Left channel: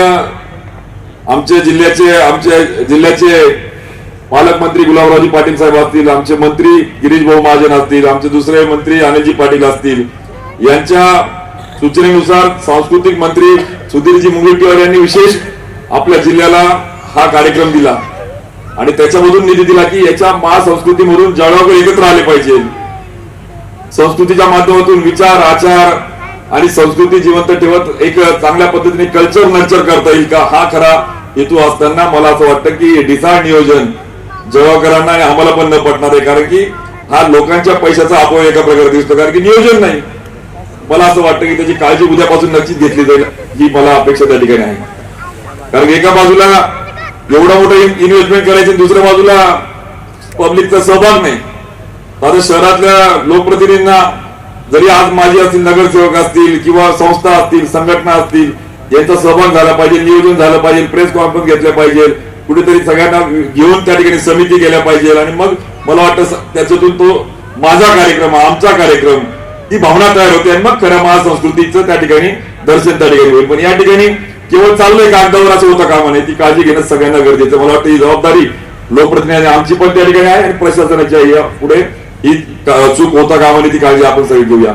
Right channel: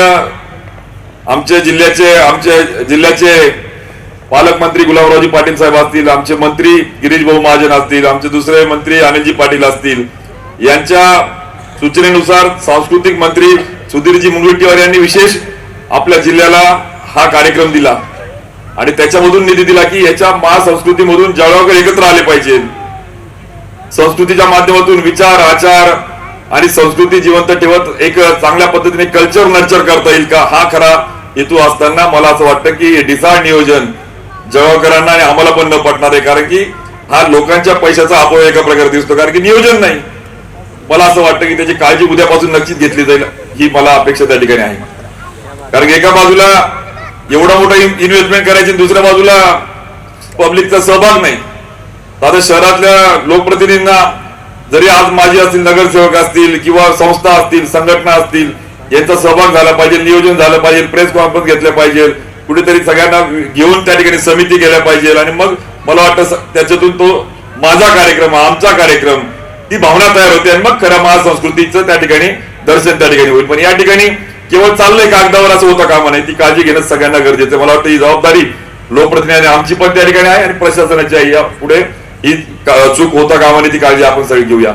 आमच्या जिल्ह्याचे आमच्या जिल्ह्याचे पालकमंत्री गुलाबरावजी पाटील साहेब असतील आमचे मंत्री गिरीश भाऊ महाजन असतील आमचे दुसरे मंत्री अनिलजी पाटील असतील. यांच्या सूचनेनुसार सांस्कृतिक मंत्री सुधीरजी मुनगंटीवार यांनी विशेष आपल्या जिल्ह्याला हा कार्यक्रम दिला. आणि त्याच्यामधून निधी दिला की याच्या महासंस्कृतीमधून जळगावकर एकत्र आले पाहिजे. संस्कृतीच्या माध्यमातून विचार आचार आणि संस्कृती जिवंत ठेवत एक चांगल्या पद्धतीने कल्चर नर्चर करता येईल का? हा खरा हेतू असताना मला असं वाटतं की डिसाळ नियोजन जळगावकरांना आणि आम्हाला पण न पटणार आहे. कारण की हा लोकांच्या पैशाचा अपव्यय एका प्रकारे दिसतो. कारण की नियोजन नाही. मला असं वाटतं की त्याची काळजी उद्यापासून नक्कीच घेतली जाईल. ही मला अपेक्षा त्या ठिकाणी आहे. कारण की एका बाजूला एवढा मोठा इन्व्हेस्टमेंट करायची दुसऱ्या बाजूला पब्लिकचा सहभाग नाही. आता शहरातल्या लोकप्रतिनिधींना जरी आज माझी असतील नगरसेवक असतील किंवा संस्था असतील संघटना असतील यांचा सहभाग झाला पाहिजे नियोजन झालं पाहिजे प्रेस कॉन्फरन्स घेतल्या पाहिजे कुठेतरी सगळ्यांना घेऊन त्या ठिकाणी समिती केल्या पाहिजे. आणि मग मला वाटतं त्याच्यातून तो माझा कार्यक्रम आमचा कार्यक्रम ती भावना तयार होते आणि मग खऱ्या महासंस्कृतीचं त्या ठिकाणी दर्शन त्या ठिकाणी होईल. पण या ठिकाणी केवळ चाललंय कागदावर असं होतं कामा नाही ती काळजी घेणं सगळ्यांना गरजेचं मला वाटतं ही जबाबदारी लोकप्रतिनिधी आमची पण त्या ठिकाणी आहे आणि प्रशासनाची आहे. या पुढे ही चूक होता कामा ती काळजी आपण सगळी घेऊया.